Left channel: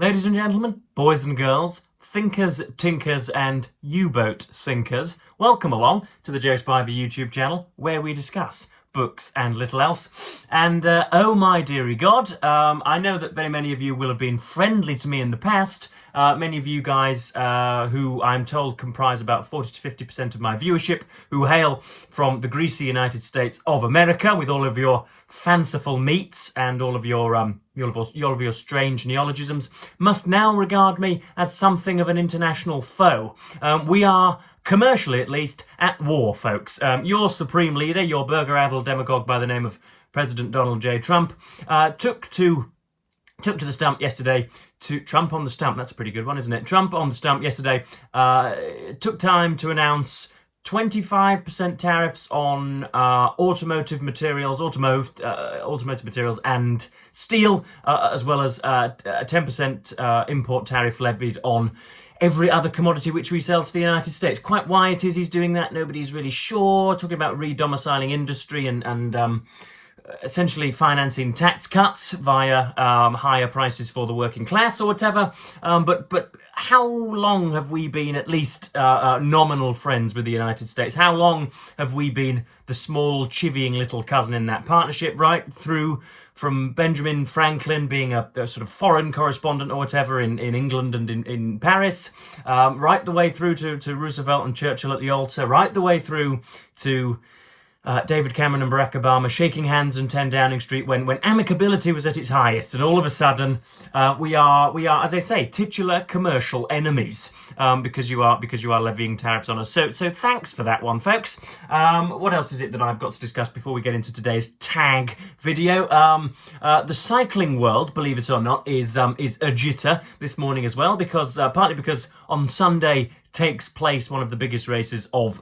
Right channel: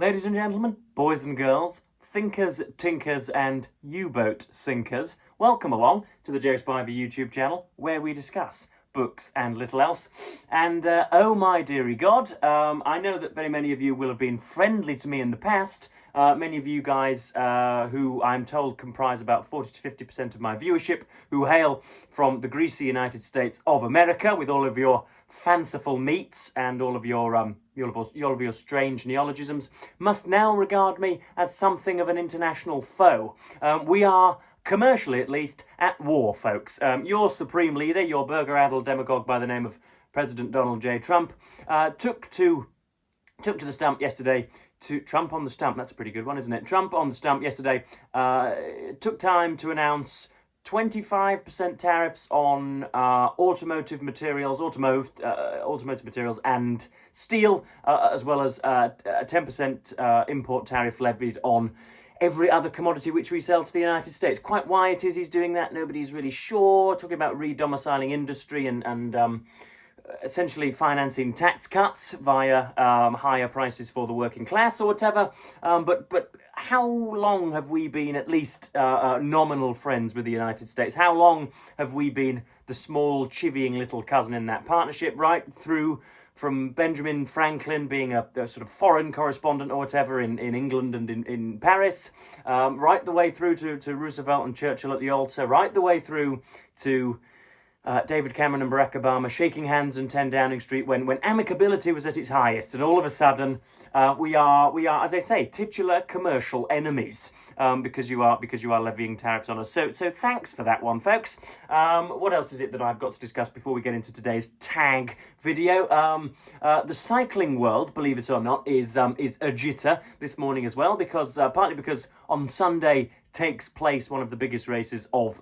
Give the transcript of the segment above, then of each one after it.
Ladies and gentlemen, boys and girls, thinkers, tinkers and U-boat sinkers, welcome along to the Joe Spivey YouTube channel where we discuss books and little else. And oh my dearie God, I know that very many of you will have been friendly to me in the past. Many of you guys who I'm told comprise about 40 to 50% of my viewership, who hail from the greasy United States of America with all of your fanciful meats and all of your strange neologisms, must now regard me as something of an international foe. We are, commercially at least, at war, folks. Your supreme leader, your burger-addled demagogue by the name of President Donald J. Trump, took to the stump yesterday to Trump on the stump. That's a pretty good one, isn't it? Trump on the stump yesterday took time to announce 25% tariffs on automotive materials, automotive materials and steel, as well as a 10% import tariff levied on every other commodity which we sell to the United States. Quite why it is he's doing that, nobody's really sure. Talking about re-domiciling industry and essentially financing tax cuts via higher prices for the working class or whatever. But how long have we been at least nominal friends with the United States? How long have we been the small, chivying little cousin in that partnership, right through from Benjamin Franklin being a sort of foreign correspondent or whatever in England and in Paris, right the way through to Roosevelt and Churchill at the altar, right the way through to David Cameron and Barack Obama shaking hands in 10 Downing Street when amicability was at its highest, and all of a sudden we are, as I say, titular commercial enemies because you are levying tariffs on us. So thanks for that one, folks. What else is it that I've got to discuss before we get into today's tag video? The cycling world, believe it or not, is a jitter this morning as well, because partly because on Sunday takes place one of the biggest races of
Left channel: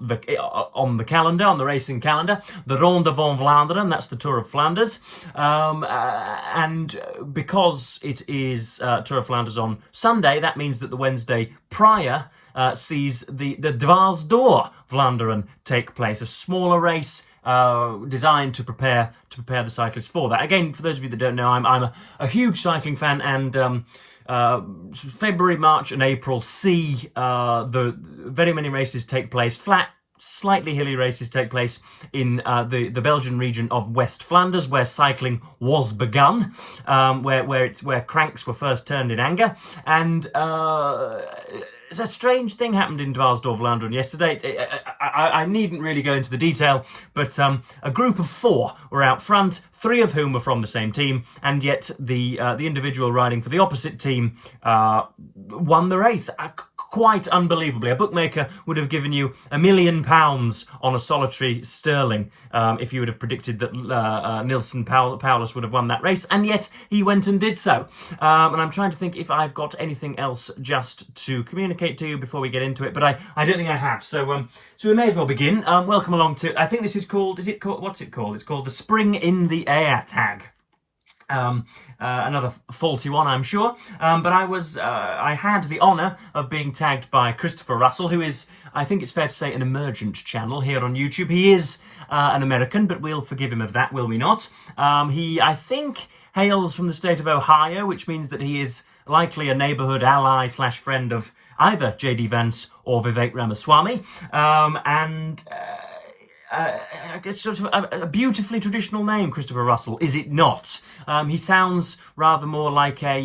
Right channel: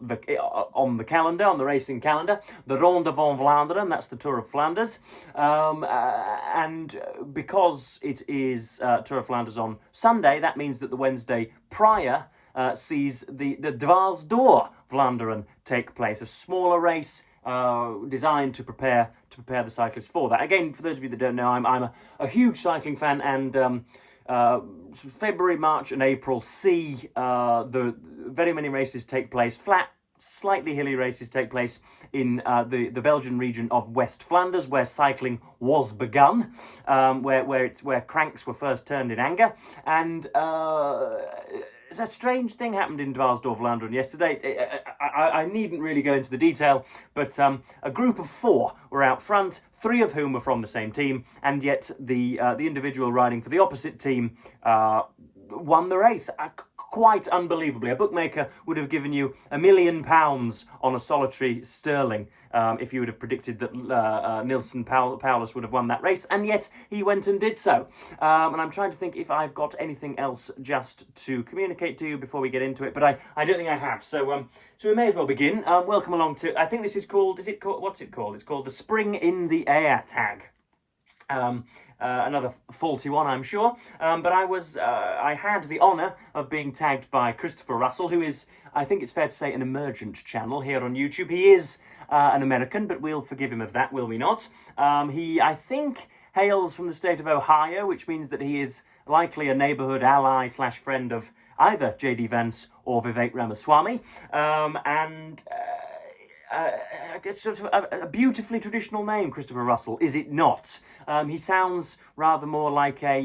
on the racing calendar, the Ronde van Vlaanderen. That's the Tour of Flanders, and because it is Tour of Flanders on Sunday, that means that the Wednesday prior sees the Dwars door Vlaanderen take place, a smaller race designed to prepare the cyclists for that. Again, for those of you that don't know, I'm a huge cycling fan, and February, March and April see the very many races take place, flat, slightly hilly races take place in the Belgian region of West Flanders, where cycling was begun, where cranks were first turned in anger. And a strange thing happened in Dwars door Vlaanderen yesterday. I needn't really go into the detail, but a group of 4 were out front, 3 of whom were from the same team, and yet the individual riding for the opposite team won the race. Quite unbelievably. A bookmaker would have given you £1 million on a solitary sterling if you would have predicted that Nilsson Paulus would have won that race, and yet he went and did so. And I'm trying to think if I've got anything else just to communicate to you before we get into it, but I don't think I have. So we may as well begin. Welcome along to, I think this is called, what's it called? It's called the Spring in the Air tag. Another faulty one, I'm sure, but I had the honour of being tagged by Christopher Russell, who is, I think it's fair to say, an emergent channel here on YouTube. He is an American, but we'll forgive him of that, will we not? He, I think, hails from the state of Ohio, which means that he is likely a neighbourhood ally / friend of either J.D. Vance or Vivek Ramaswamy, it's sort of a beautifully traditional name, Christopher Russell, is it not? He sounds rather more like a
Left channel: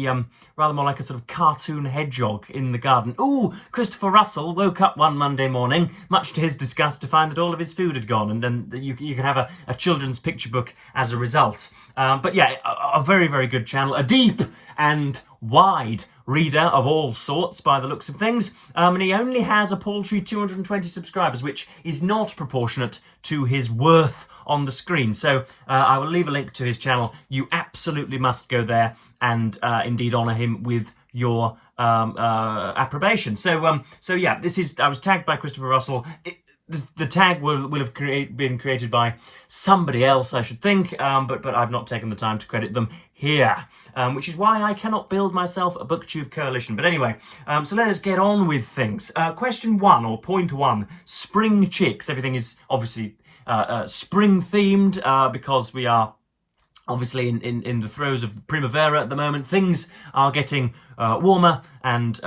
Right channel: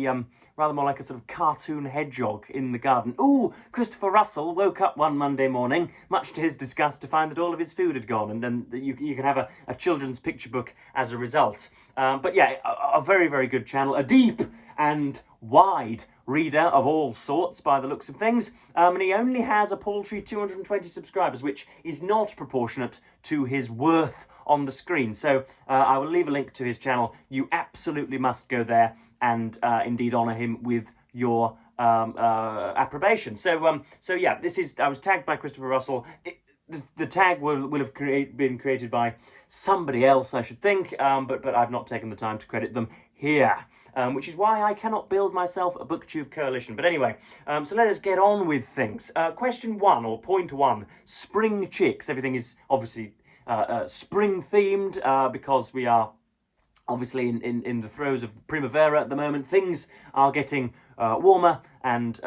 sort of cartoon hedgehog in the garden. Ooh, Christopher Russell woke up one Monday morning, much to his disgust, to find that all of his food had gone, and then you can have a children's picture book as a result. But yeah, a very, very good channel, a deep and wide reader of all sorts by the looks of things, and he only has a paltry 220 subscribers, which is not proportionate to his worth on the screen. So I will leave a link to his channel. You absolutely must go there and indeed honour him with your approbation. So yeah, I was tagged by Christopher Russell. The tag will have been created by somebody else, I should think, but I've not taken the time to credit them here, which is why I cannot build myself a booktube coalition. But anyway, so let us get on with things. Question 1, or point 1, spring chicks. Everything is obviously spring themed because we are Obviously, in the throes of Primavera at the moment, things are getting warmer and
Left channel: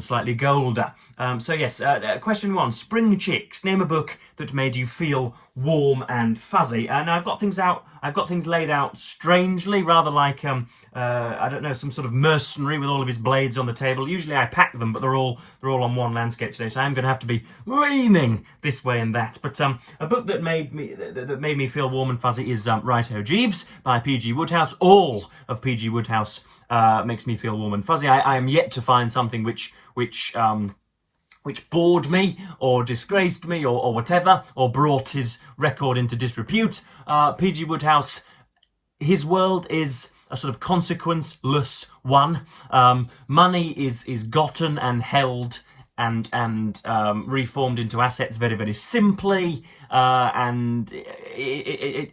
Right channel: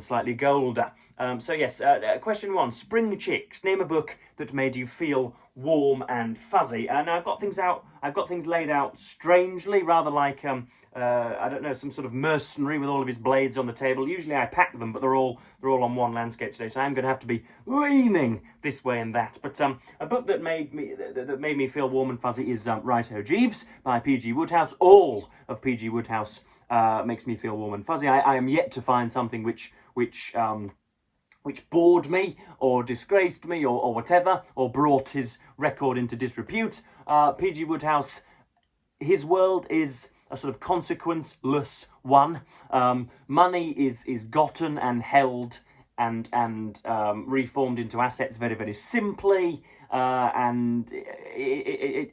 slightly golder. So yes, question one: Spring Chicks. Name a book that made you feel warm and fuzzy. And I've got things out. I've got things laid out strangely, rather like I don't know, some sort of mercenary with all of his blades on the table. Usually I pack them, but they're all on one landscape today, so I'm going to have to be leaning this way and that. But a book that made me feel warm and fuzzy is Righto Jeeves by P.G. Wodehouse. All of P.G. Wodehouse makes me feel warm and fuzzy. I am yet to find something which bored me or disgraced me or whatever, or brought his record into disrepute. P.G. Wodehouse, his world is a sort of consequenceless one. Money is gotten and held and reformed into assets very, very simply, and he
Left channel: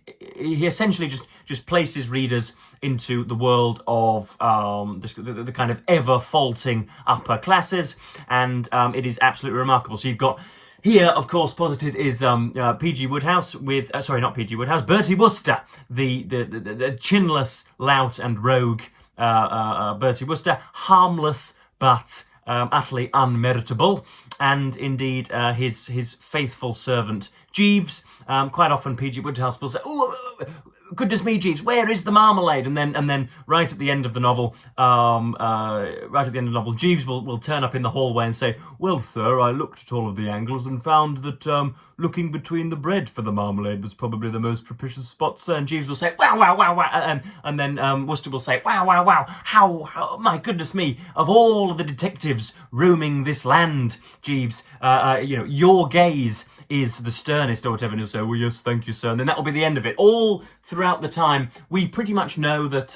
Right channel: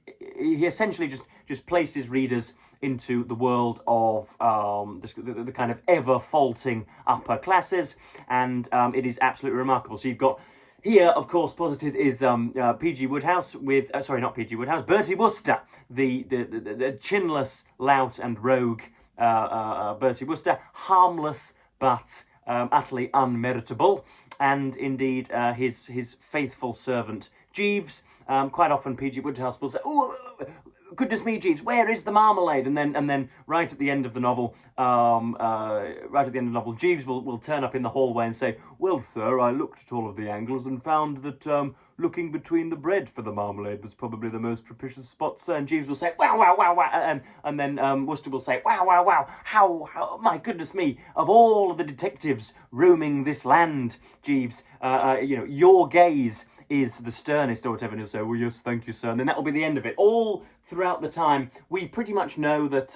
essentially just places readers into the world of the kind of ever-faulting upper classes, and it is absolutely remarkable. So you've got here, of course, posited is P.G. Wodehouse with, sorry, not P.G. Wodehouse, Bertie Wooster, the chinless lout and rogue Bertie Wooster, harmless but utterly unmeritable, and indeed his faithful servant Jeeves. Quite often P.G. Wodehouse will say, "Oh, goodness me, Jeeves, where is the marmalade?" And then right at the end of the novel, Jeeves will turn up in the hallway and say, "Well, sir, I looked at all of the angles and found that looking between the bread for the marmalade was probably the most propitious spot, sir." And Jeeves will say, "Wow, wow, wow, wow," and then Wooster will say, "Wow, wow, wow, how, my goodness me, of all of the detectives roaming this land, Jeeves, your gaze is the sternest," or whatever, and he'll say, "Well, yes, thank you, sir," and then that will be the end of it. All throughout the time, we pretty much know that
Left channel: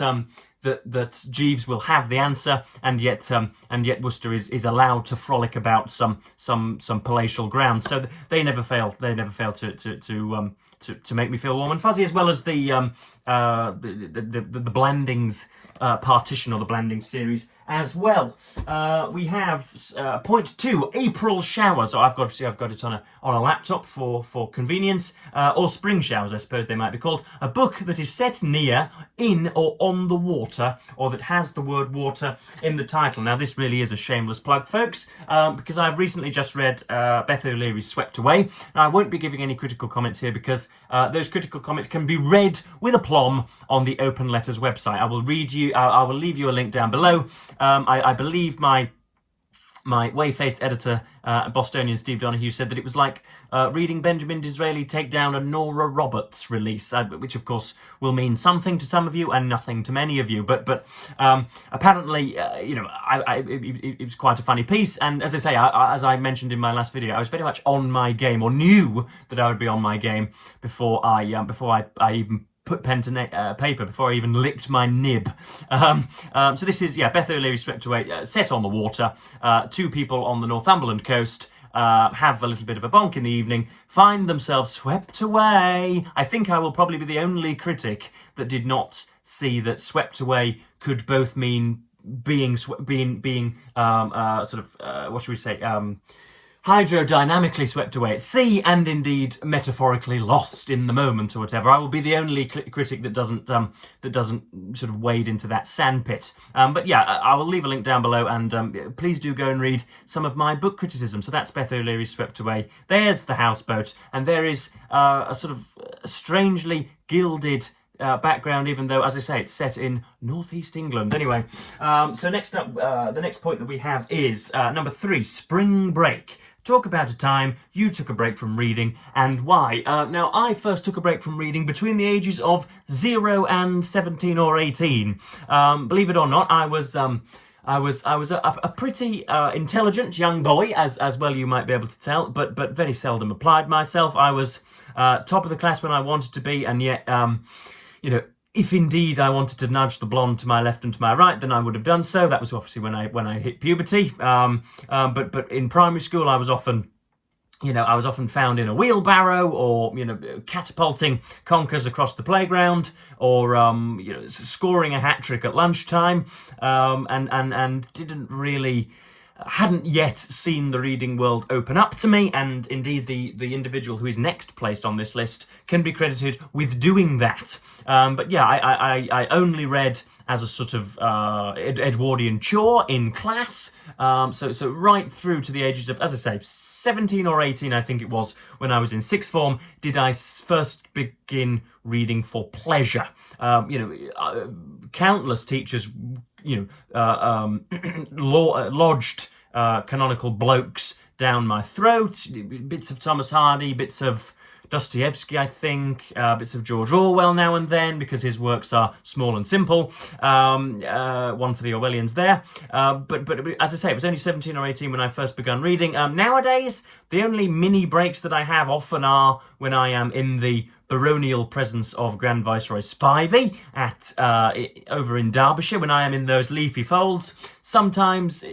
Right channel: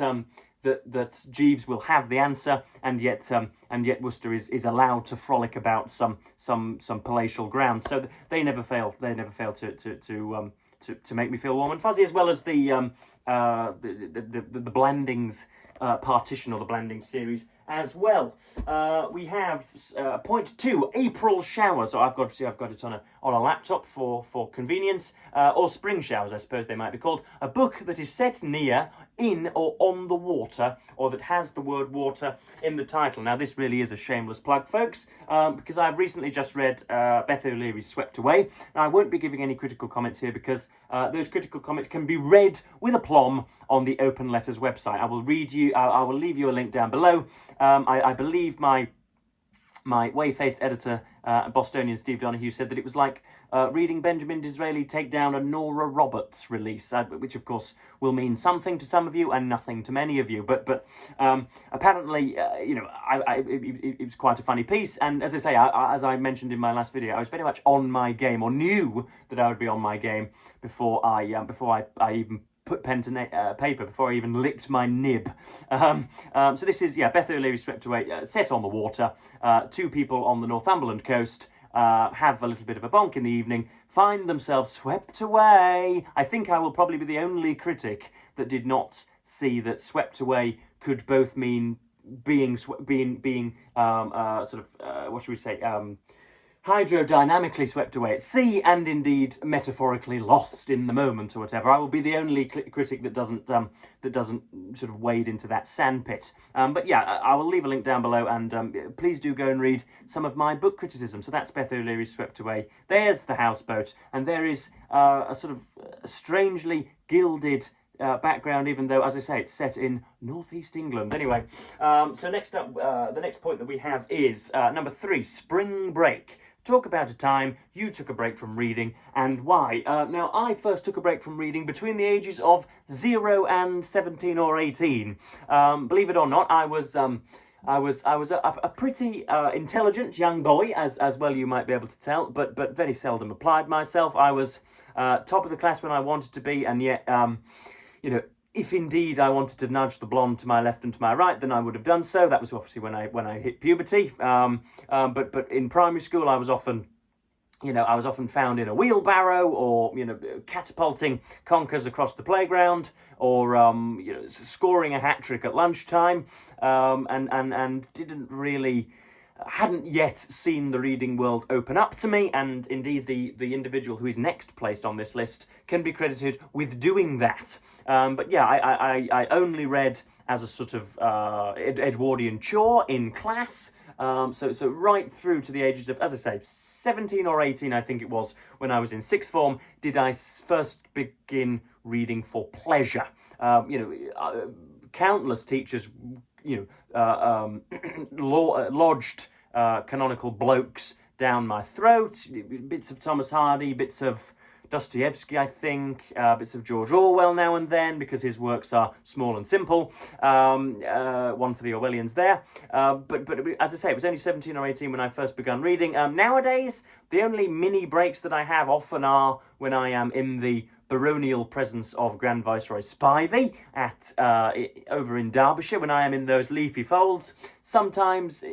that Jeeves will have the answer, and yet Wooster is allowed to frolic about some palatial ground. So they never fail. They never fail to make me feel warm and fuzzy, as well as the Blandings partition, or the Blandings series as well. We have point 2, April showers. So I've got it on a laptop for convenience, or spring showers, I suppose they might be called. A book that is set near, in, or on the water, or that has the word water in the title. Now this really is a shameless plug, folks, because I've recently just read Beth O'Leary's Swept Away. Now I won't be giving any critical comments here, because those critical comments can be read with aplomb on the Open Letters website. I will leave you a link down below. I believe my whey-faced editor, Bostonian Steve Donahue, said that it was like reading Benjamin Disraeli take down a Nora Roberts release, which of course will mean something to some of you and nothing to many of you. But apparently, it was quite a funny piece. And as I say, as I mentioned in my last video, I was very much on my game, or knew that I would be on my game before I even put pen to paper, before I even licked my nib. So this is, Beth O'Leary Swept Away, set on the water. Two people on the Northumberland coast have a little bit of a bonk in the evening, find themselves swept away. I think I will probably be the only critic that did not see that swept away could both mean being what should we say, hydrodynamically swept away at sea, and indeed metaphorically lost in the moment, or whatever. I will be the only critic that doesn't sort of wade into that sandpit. But yeah, I will leave a link down below, and please do go and read some of my book criticism. So that's Beth O'Leary's Swept Away. There's the houseboat, and there is a sort of strangely gilded background, even though, as I say, it's set in northeast England. Anyway, so next up, the next point that we have is number 3, spring break. Talk about a time you took a break from reading, and why. Now, I first took a break from reading between the ages of 0 and 17 or 18. Believe it or not, I was a pretty intelligent young boy, as well you might be able to tell, but very seldom applied myself. I was top of the class when I wanted to be, and yet, if indeed I wanted to nudge the blonde to my left and to my right, then I would have done so. That was obviously when I hit puberty. But in primary school, I was often found in a wheelbarrow, or catapulting conkers across the playground, or scoring a hat trick at lunchtime, and didn't really hadn't yet seen the reading world open up to me, and indeed the individual who is next placed on this list can be credited with doing that. But yeah, I only read as a sort of Edwardian chore in class. So right through to the ages of, as I say, 17 or 18, I think it was, when I was in sixth form, did I first begin reading for pleasure. Countless teachers, lodged canonical blokes down my throat, bits of Thomas Hardy, bits of Dostoevsky, I think, bits of George Orwell now and then, because his works are small and simple. One for the Orwellians there. But as I say, it was only 17 or 18 when I first began reading. Nowadays, the only mini breaks that I have often are when I am in the baronial presence of Grand Viceroy Spivey at over in Derbyshire, when I am in those leafy folds. Sometimes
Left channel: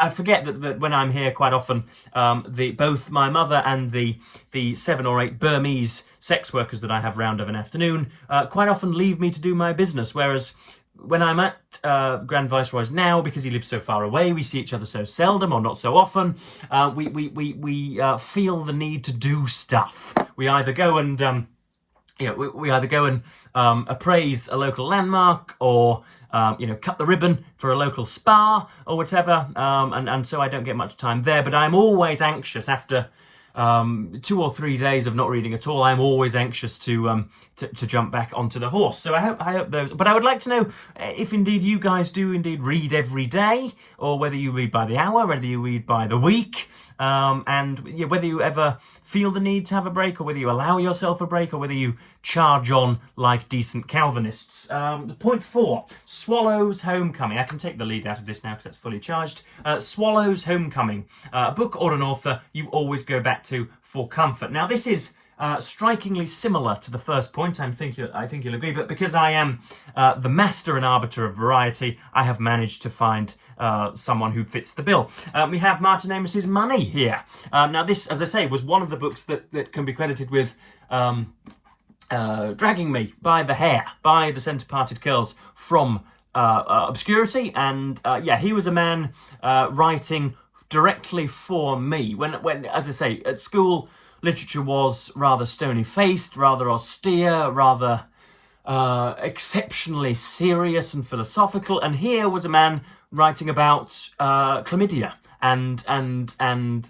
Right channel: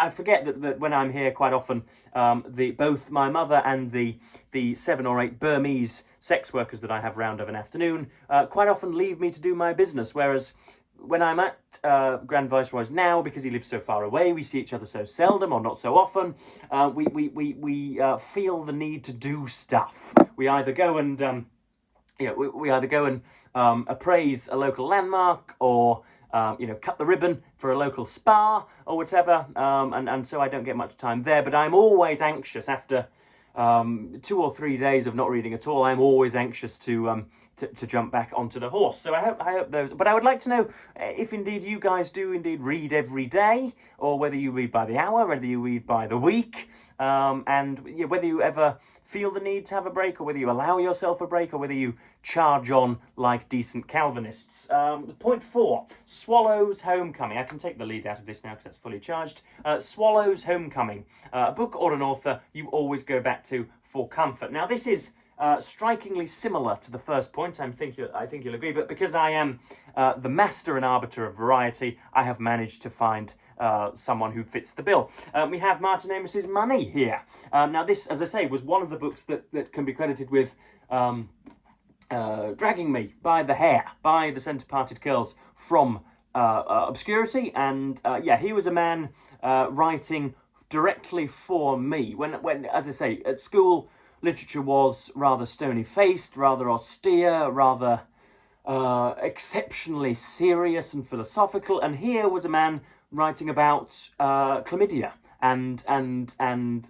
I forget that when I'm here, quite often, both my mother and the 7 or 8 Burmese sex workers that I have round of an afternoon quite often leave me to do my business, whereas when I'm at Grand Viceroy's now, because he lives so far away, we see each other so seldom or not so often, we feel the need to do stuff. We either go and appraise a local landmark, or cut the ribbon for a local spa or whatever, and so I don't get much time there. But I'm always anxious after 2 or 3 days of not reading at all. I'm always anxious to jump back onto the horse. So I hope those. But I would like to know if indeed you guys do indeed read every day, or whether you read by the hour, whether you read by the week, and whether you ever feel the need to have a break, or whether you allow yourself a break, or whether you charge on like decent Calvinists. Point 4, Swallow's Homecoming. I can take the lead out of this now because that's fully charged. Swallow's Homecoming, a book or an author you always go back to for comfort. Now this is strikingly similar to the first point. I think you'll agree, but because I am the master and arbiter of variety, I have managed to find someone who fits the bill. We have Martin Amos's Money here. Now this, as I say, was one of the books that can be credited with dragging me by the hair, by the centre-parted curls, from obscurity. And he was a man writing directly for me. When, as I say, at school, literature was rather stony-faced, rather austere, rather exceptionally serious and philosophical. And here was a man writing about chlamydia and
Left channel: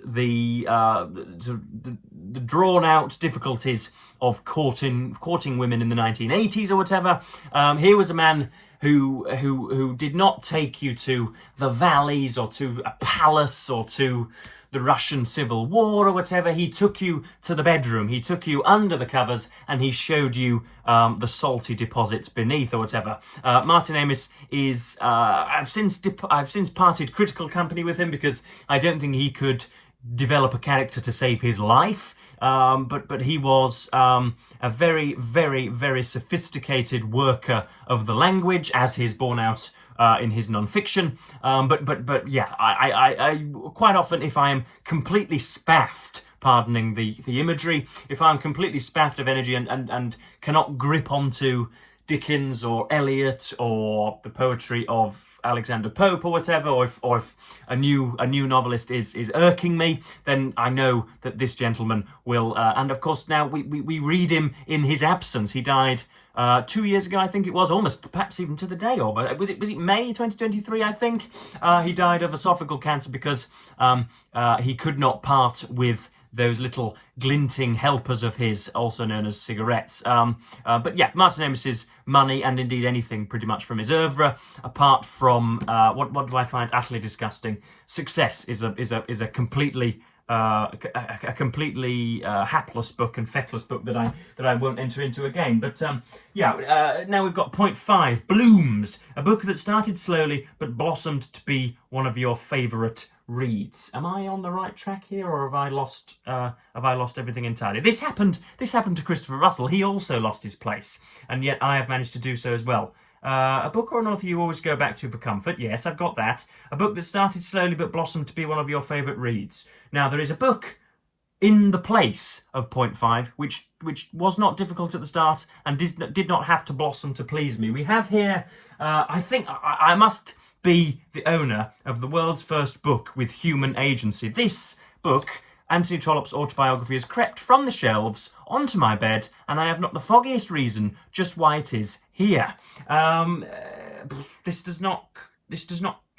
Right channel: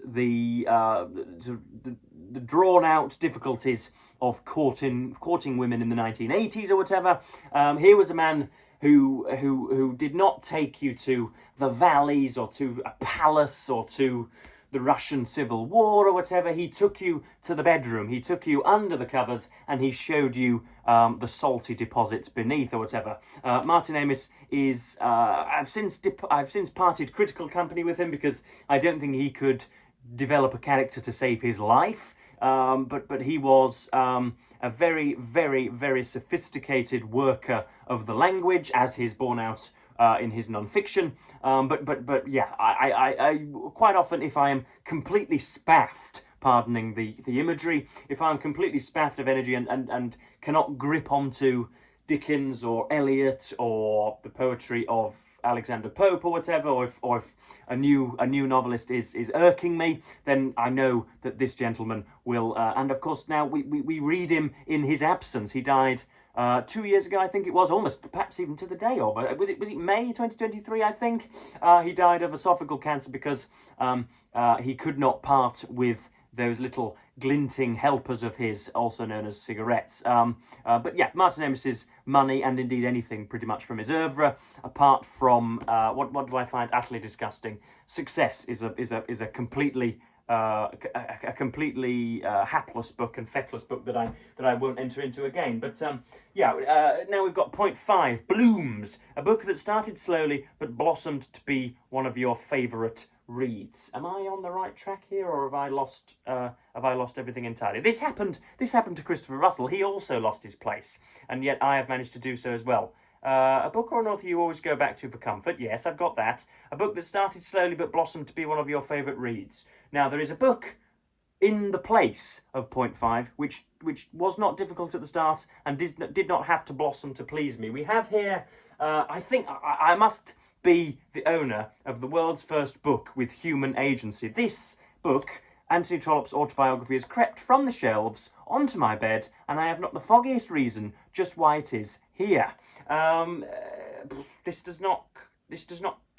the drawn-out difficulties of courting women in the 1980s or whatever. Here was a man who did not take you to the valleys or to a palace or to the Russian Civil War or whatever. He took you to the bedroom, he took you under the covers, and he showed you the salty deposits beneath or whatever. Martin Amis is, I've since parted critical company with him because I don't think he could develop a character to save his life. But he was a very, very, very sophisticated worker of the language, as he's borne out in his non-fiction. But yeah, I quite often, if I am completely spaffed, pardoning the imagery, if I'm completely spaffed of energy and cannot grip onto Dickens or Eliot or the poetry of Alexander Pope or whatever, or if a new novelist is irking me, then I know that this gentleman will. And of course, now we read him in his absence. He died 2 years ago, I think it was, almost perhaps even to the day of. Was it May 2023? I think he died of esophageal cancer because he could not part with those little glinting helpers of his, also known as cigarettes. But yeah, Martin Amos's Money, and indeed anything pretty much from his oeuvre, apart from what do I find utterly disgusting? Success is a completely hapless book and feckless book that I won't enter into again. But now we've got point 5, Blooms, a book that started slowly but blossomed to be one of your favourite reads. Am I on the right track here, or have I lost everything entirely? This happened to Christopher Russell. He also lost his place, and yet I have managed to do so as well. A book or an author you always go back to for comfort. Yes, I've got that. A book that started slowly but blossomed to be one of your favourite reads. Now, there is a book in the place of point 5, which was not difficult at the start and did not have to blossom to please me. We have here I think I must be the owner of the world's first book with human agency. This book, Anthony Trollope's autobiography, has crept from the shelves onto my bed, and I have not the foggiest reason just why it is here. This does not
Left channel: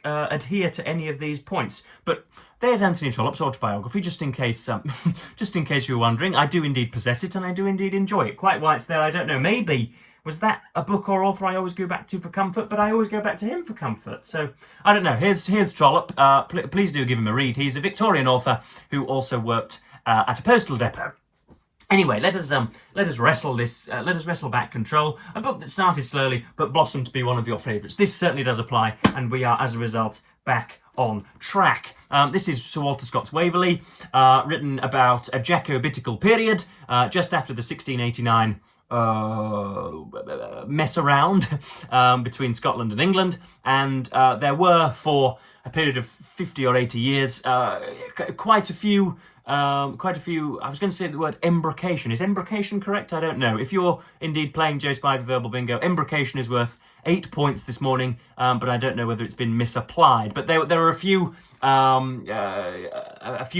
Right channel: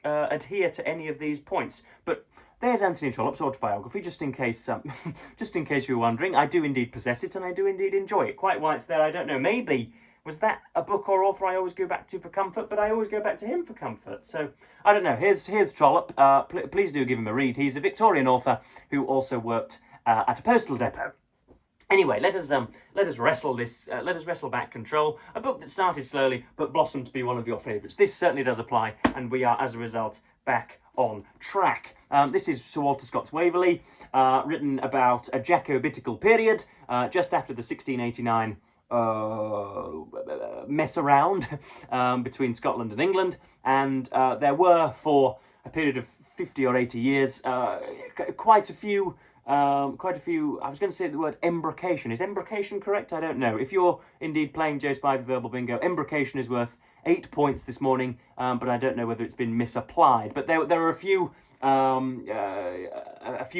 adhere to any of these points, but there's Anthony Trollope's autobiography, just in case you were wondering. I do indeed possess it, and I do indeed enjoy it. Quite why it's there, I don't know. Maybe was that a book or author I always go back to for comfort, but I always go back to him for comfort. So I don't know. Here's Trollope. Please do give him a read. He's a Victorian author who also worked at a postal depot. Anyway, let us wrestle back control. A book that started slowly but blossomed to be one of your favourites. This certainly does apply, and we are, as a result, back on track. This is Sir Walter Scott's Waverley, written about a Jacobitical period, just after the 1689 mess around between Scotland and England, and there were, for a period of 50 or 80 years, quite a few, I was going to say the word embrocation. Is embrocation correct? I don't know. If you're indeed playing Joe Spivey Verbal Bingo, embrocation is worth 8 points this morning, but I don't know whether it's been misapplied. But there are a few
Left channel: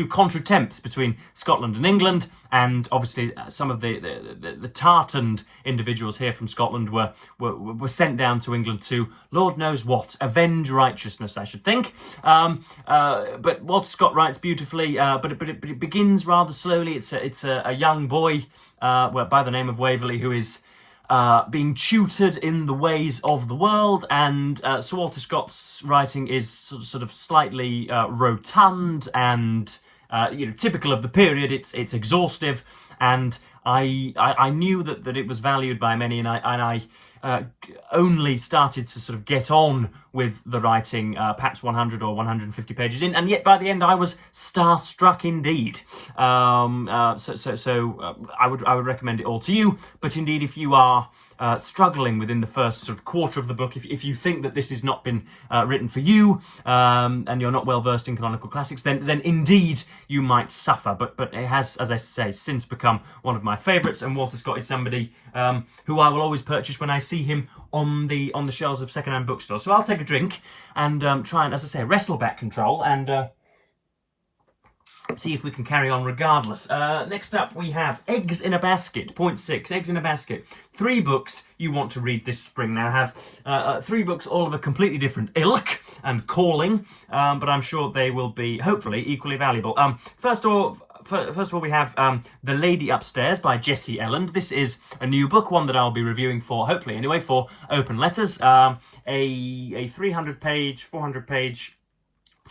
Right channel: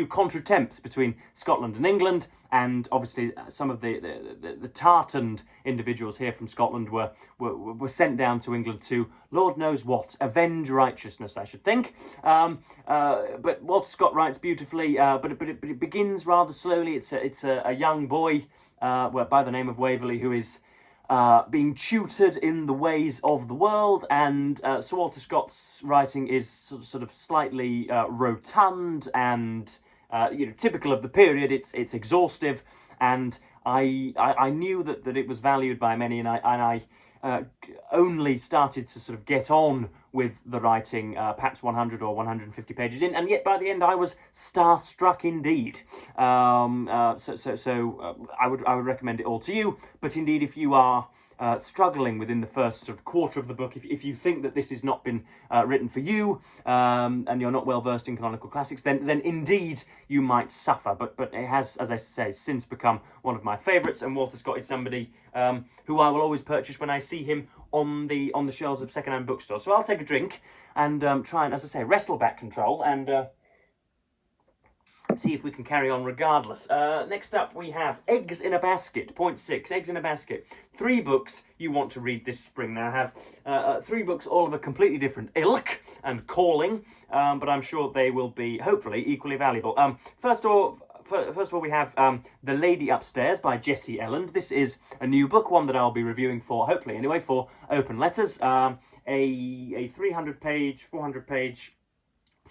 contretemps between Scotland and England, and obviously some of the tartaned individuals here from Scotland were sent down to England to, Lord knows what, avenge righteousness, I should think. But Walter Scott writes beautifully, but it begins rather slowly. It's a young boy by the name of Waverley who is being tutored in the ways of the world, and Sir Walter Scott's writing is sort of slightly rotund and typical of the period. It's exhaustive, and I knew that it was valued by many, and I only started to sort of get on with the writing perhaps 100 or 150 pages in, and yet by the end I was starstruck indeed. I would recommend it all to you, but indeed if you are struggling within the first sort of quarter of the book, if you think that this has not been written for you, and you're not well versed in canonical classics, then indeed you might suffer. But it has, as I say, since become one of my favourites, and Walter Scott is somebody who I will always purchase when I see him on the shelves of second-hand bookstores. So I'll take a drink and try and, as I say, wrestle back control and see if we can carry on regardless. Next up we have Eggs in a Basket, point 6, Eggs in a Basket. 3 books you want to read this spring. Now have 3 books, all of a completely different ilk and calling, but I'm sure they will be, hopefully, equally valuable. First of all, we have The Lady Upstairs by Jessie Elland. This is a new book, one that I'll be reviewing for, hopefully anyway, for Open Letters. A 300-page, 400-page,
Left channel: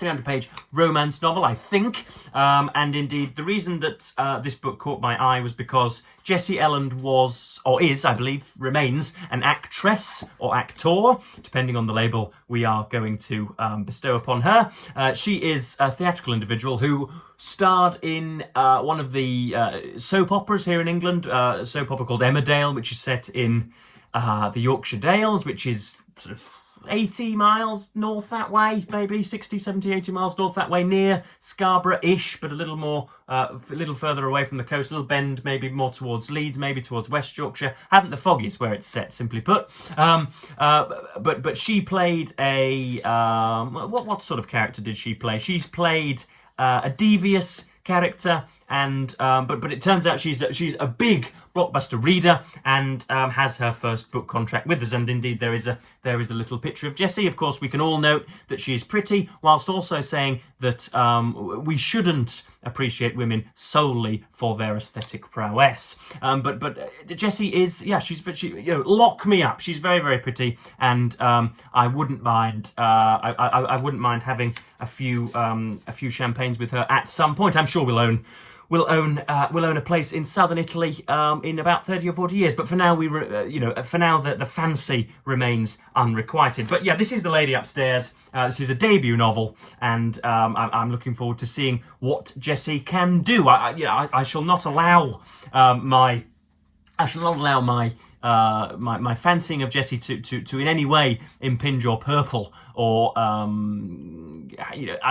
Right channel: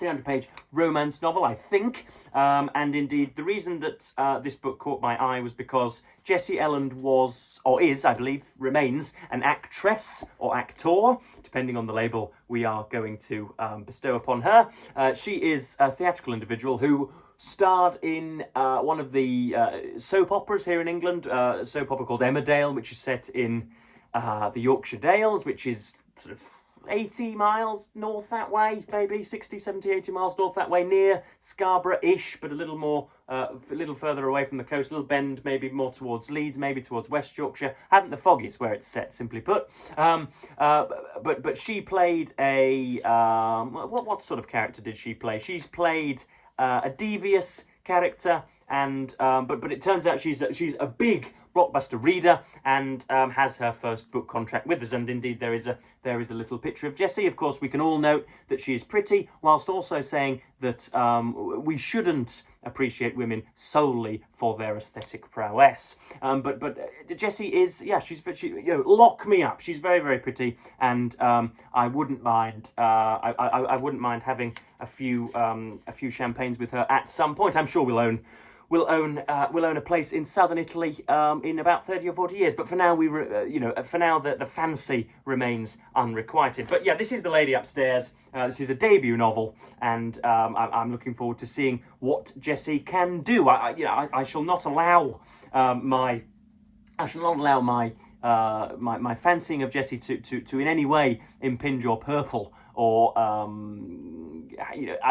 300-page romance novel, I think. And indeed, the reason that this book caught my eye was because Jessie Elland was, or is, I believe, remains, an actress or actor, depending on the label we are going to bestow upon her. She is a theatrical individual who starred in one of the soap operas here in England, a soap opera called Emmerdale, which is set in the Yorkshire Dales, which is sort of 80 miles north that way, maybe 60, 70, 80 miles north that way, near Scarborough-ish, but a little more, a little further away from the coast, a little bend, maybe more towards Leeds, maybe towards West Yorkshire. Haven't the foggies where it's set, simply put. But she played a, what sort of character did she play? She's played a devious character, and but it turns out she's a big blockbuster reader, and has her first book contract with us. And indeed there is a little picture of Jessie. Of course, we can all note that she is pretty, whilst also saying that we shouldn't appreciate women solely for their aesthetic prowess. But Jessie is, yeah, she lock me up. She's very, very pretty, and I wouldn't mind I wouldn't mind having a few champagnes with her at some point. I'm sure we'll own a place in southern Italy in about 30 or 40 years. But for now, the fancy remains unrequited. But yeah, this is The Lady Upstairs. This is a debut novel, and I'm looking forward to seeing what Jessie can do. I shall not allow my fancying of Jessie to in any way impinge or purple, or I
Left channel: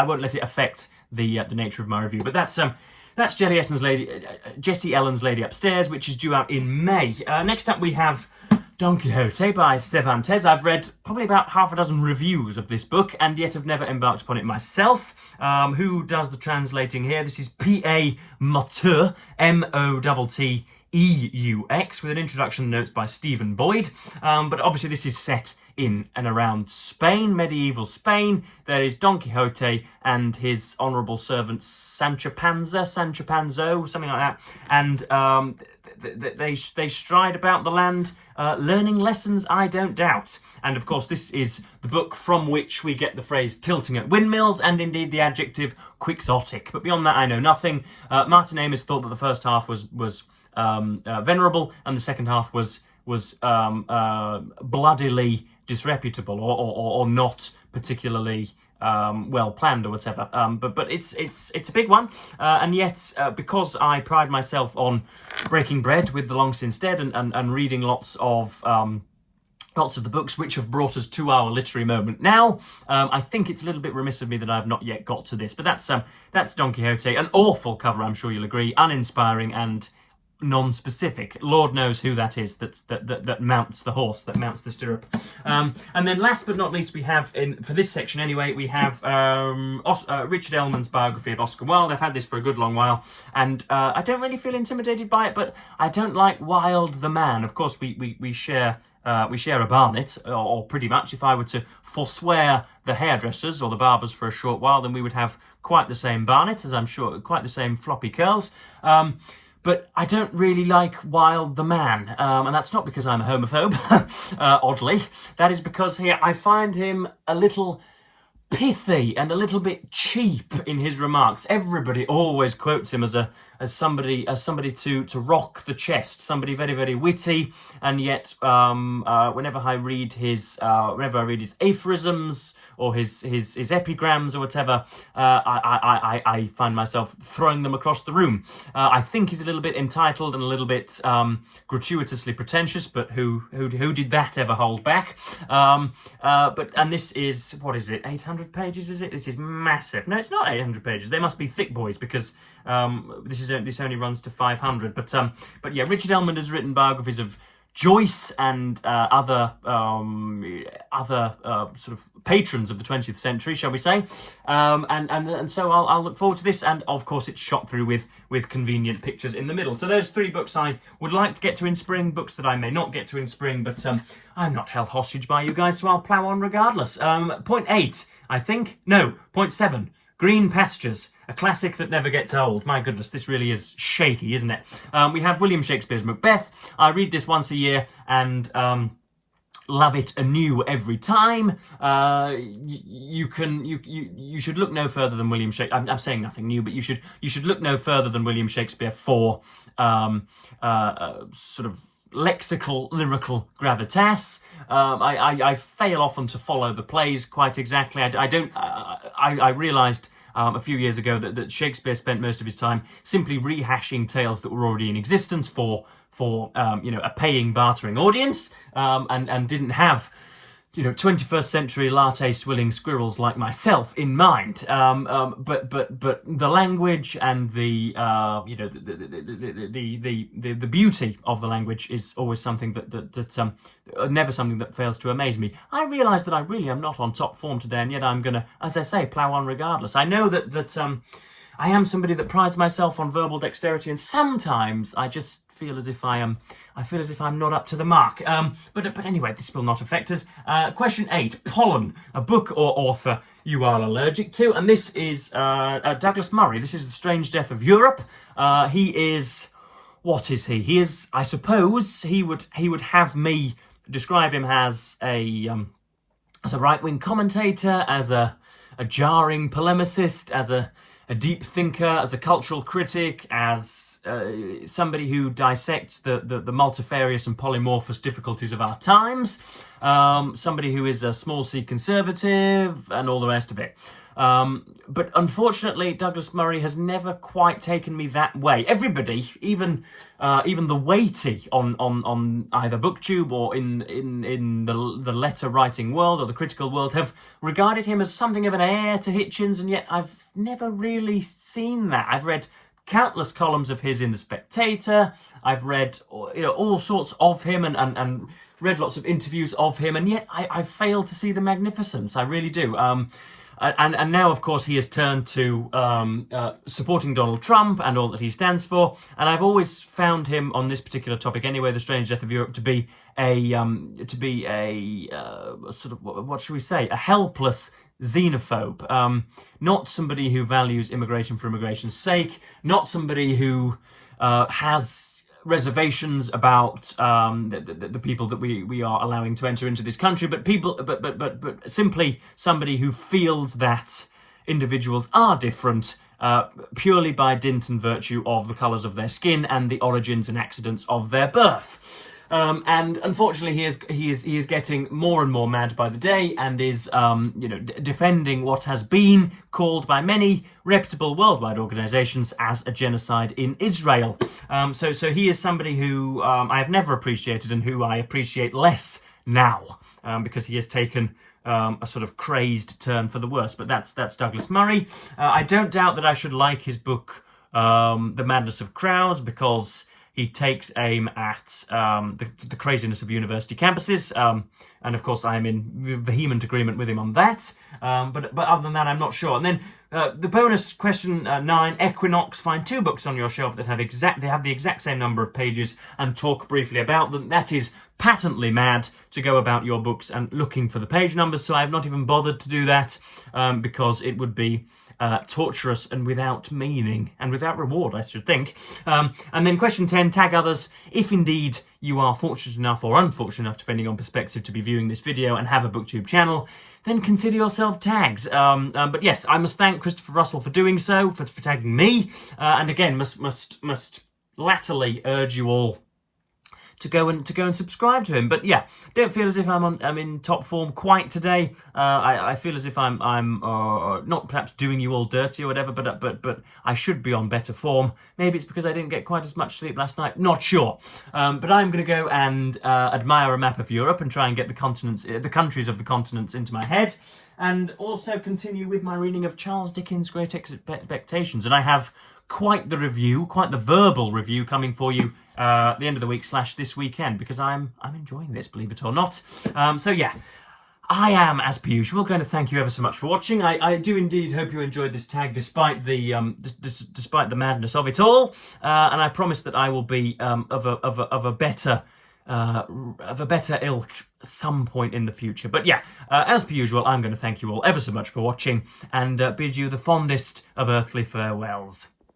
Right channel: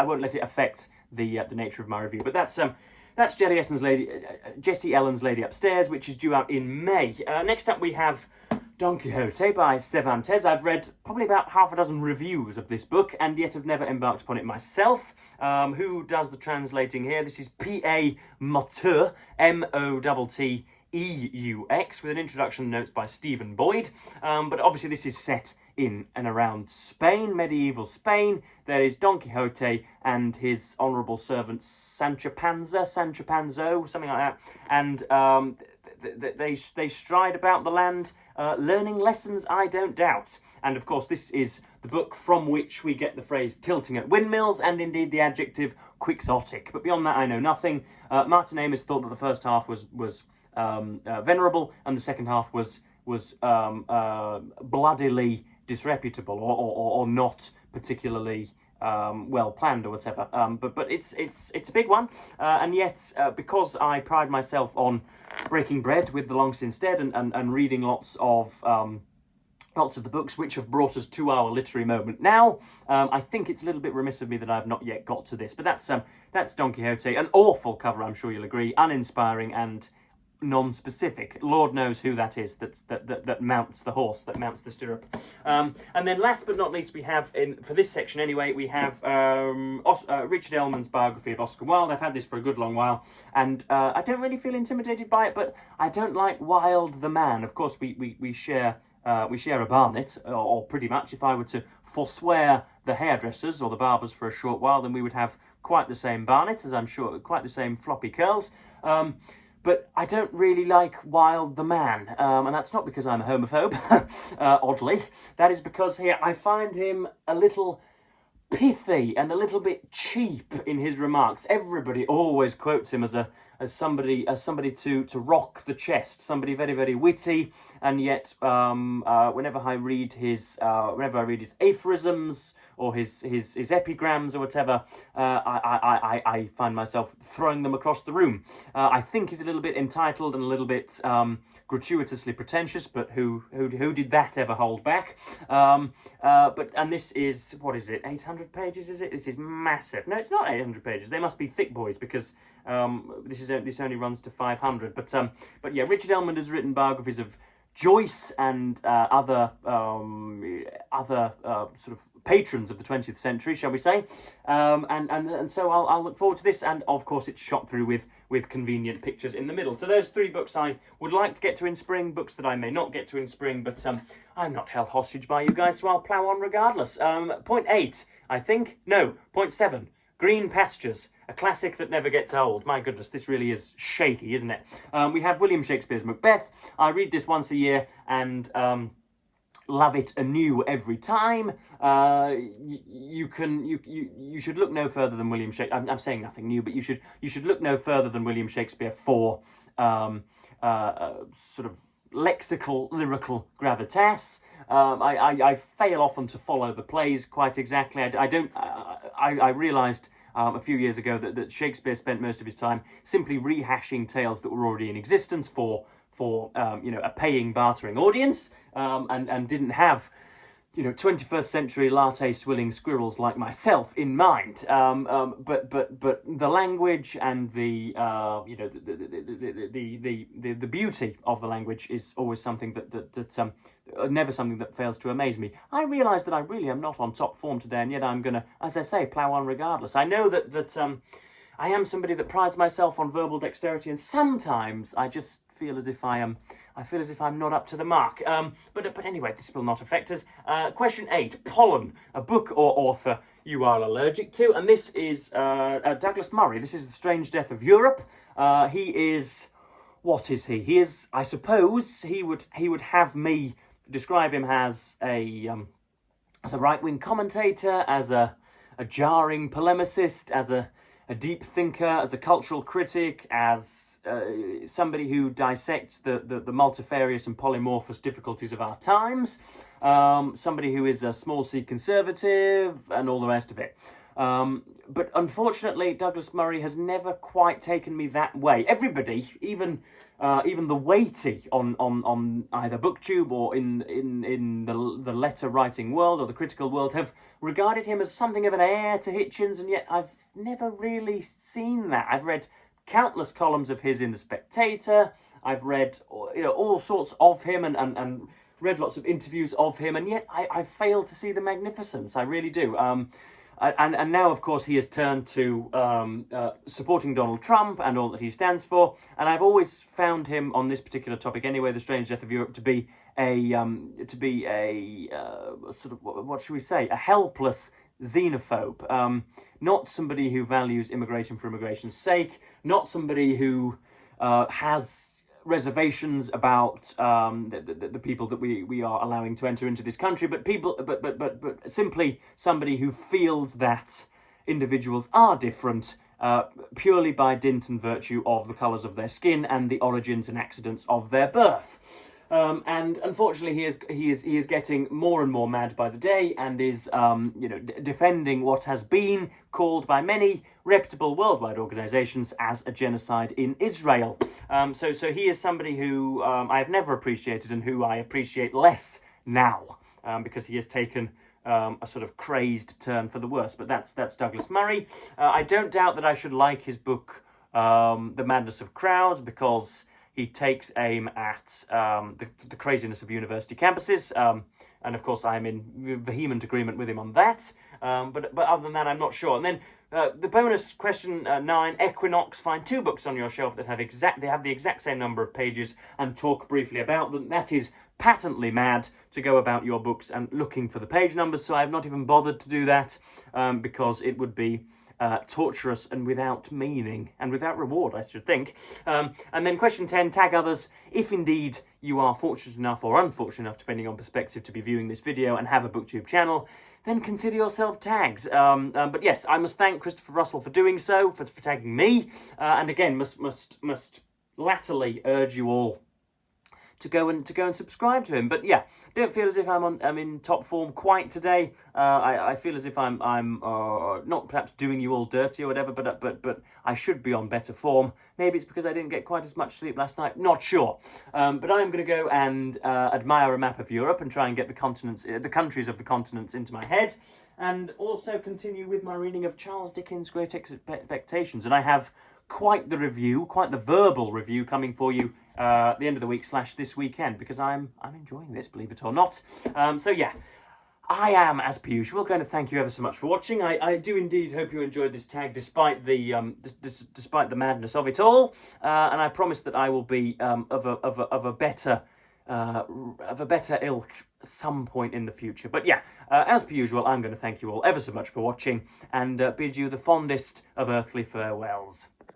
won't let it affect the nature of my review. But that's Jessie Elland's Lady Upstairs, which is due out in May. Next up we have Don Quixote by Cervantes. I've read probably about half a dozen reviews of this book, and yet have never embarked upon it myself. Who does the translating here? This is P.A. Motteux, Motteux, with an introduction notes by Stephen Boyd. But obviously this is set in and around Spain, medieval Spain. There is Don Quixote and his honourable servant Sancho Panza, something like that. And they stride about the land, learning lessons, I don't doubt. And of course, this is the book from which we get the phrase tilting at windmills, and indeed the adjective quixotic. But beyond that, I know nothing. Martin Amis thought that the first half was venerable, and the second half was bloodily disreputable, or not particularly well planned or whatever. But it's a big one, and yet because I pride myself on breaking bread with the long since dead and reading lots of the books which have brought us to our literary moment now, I think it's a little bit remiss of me that I've not yet got to this. But that's Don Quixote, an awful cover, I'm sure you'll agree, uninspiring and non-specific. Lord knows who that is that mounts the horse, that mounts the stirrup. And then last but not least, we have, for this section anyway, we have Richard Ellmann's biography of Oscar Wilde. I've had this for a good long while, and I don't really feel intimidated by it, but I don't like Wilde the man. Of course, we share a barnet, or pretty much. If I were to forswear the hairdressers or the barbers for a short while, then we would have quite the same barnet, as I'm sure, quite the same floppy curls. But I don't really like Wilde the man, and that's not because I'm a homophobe, oddly. That is because here I find him a little pithy and a little bit cheap in his remarks. Everybody always quotes him as somebody to rock the chest, somebody very, very witty, and yet whenever I read his aphorisms or his epigrams or whatever, I find myself throwing them across the room. I think he's a little bit entitled and a little bit gratuitously pretentious, but who did that ever hold back? And this is, what is it, 800 pages, is it? This is massive. No, it's not 800 pages. They must be thick boys, because this only runs to 500. But yeah, Richard Ellmann has written biographies of Joyce and other sort of patrons of the 20th century, shall we say? And so I'll look forward to this. And of course, it's shot through with convenient pictures in the middle. So there's 3 books I would like to get to in spring, books that I may not get to in spring, but I'm not held hostage by you guys, so I'll plough on regardless. Point 8, I think. No, point 7. Green Pastures, a classic that never gets old. My goodness, this really is shaky, isn't it? We have William Shakespeare's Macbeth. I read this once a year and love it anew every time. You should look no further than William Shakespeare. I'm saying nothing new, but you should look no further than William Shakespeare for sort of lexical, lyrical gravitas. I fail often to follow the plays quite exactly. I realised a few years ago that Shakespeare spent most of his time simply rehashing tales that were already in existence for a paying, bartering audience, and didn't have 21st century latte swilling squirrels like myself in mind. But the language and the beauty of the language is always something that never something that fails to amaze me. I realise that I really am not on top form today, and yet I'm gonna, as I say, plough on regardless. I know that I am somebody that prides myself on verbal dexterity, and sometimes I just feel as if I'm not up to the mark. But anyway, this will not affect us. Question 8, Pollen, a book or author you are allergic to, and this is Douglas Murray. This is The Strange Death of Europe. He is, what is he? He is, I suppose, he would have me describe him as a right-wing commentator, as a jarring polemicist, as a deep thinker, as a cultural critic, as somebody who dissects the multifarious and polymorphous difficulties of our times, somebody who is a small c conservative, and all the rest of it. But unfortunately, Douglas Murray has never quite taken me that way. Everybody, even the weighty on either BookTube or in the letter writing world or the critical world, have regarded him as something of an heir to Hitchens, and yet I've never really seen that. I've read countless columns of his in The Spectator. I've read all sorts of him and read lots of interviews of him, and yet I fail to see the magnificence. I really do. And now, of course, he has turned to supporting Donald Trump and all that he stands for. And I've always found him on this particular topic, anyway, the strange death of Europe, to be a sort of, what should we say, a helpless xenophobe. Not somebody who values immigration for immigration's sake. Not somebody who has reservations about the people that we are allowing to enter into this country, but simply somebody who feels that individuals are different purely by dint and virtue of the colours of their skin and the origins and accidents of their birth. And unfortunately, he is getting more and more mad by the day, and is defending what has been called by many reputable worldwide organisations as a genocide in Israel. So he is somebody who I have never appreciated, and who I appreciate less now, because he has taken a sort of crazed turn for the worse. But that's Douglas Murray. I don't doubt that I should like his book, The Madness of Crowds, because he takes aim at the craziness of university campuses, and of course I am in vehement agreement with him on that. But other than that, I'm not sure. And then the bonus question 9, Equinox. Find 2 books on your shelf that have the exact same number of pages and talk briefly about them. That is patently mad to go about your books and looking for the page numbers. So I have not even bothered to do that because it would be torturous and without meaning and without reward, I should think. And then question 10, tag others. If indeed you are fortunate enough or unfortunate enough, depending on perspective, to be viewing this video and have a booktube channel, then consider yourself tagged. But yes, I must thank Christopher Russell for doing so, for tagging me, and again must latterly urge you all to go and subscribe to him. But yeah, don't feel as if I'm in top form quite today. I feel as if I'm not perhaps doing you all dirty or whatever, but I should be on better form. Maybe it's because I didn't get quite as much sleep last night. Not sure. But I'm going to go and admire a map of Europe and try and get the countries of the continents into my head, and also continue with my reading of Charles Dickens' Great Expectations. And I have quite the review, quite the verbal review coming for you at the end of the week / this weekend, because I'm enjoying this, believe it or not. So yeah, I am, as per usual, going to thank you ever so much for watching. I do indeed hope you enjoyed this tag, despite the madness of it all. And I promise that I will be of a better ilk some point in the future. But yeah, as per usual, I'm going to thank you all ever so much for watching, and bid you the fondest of earthly farewells.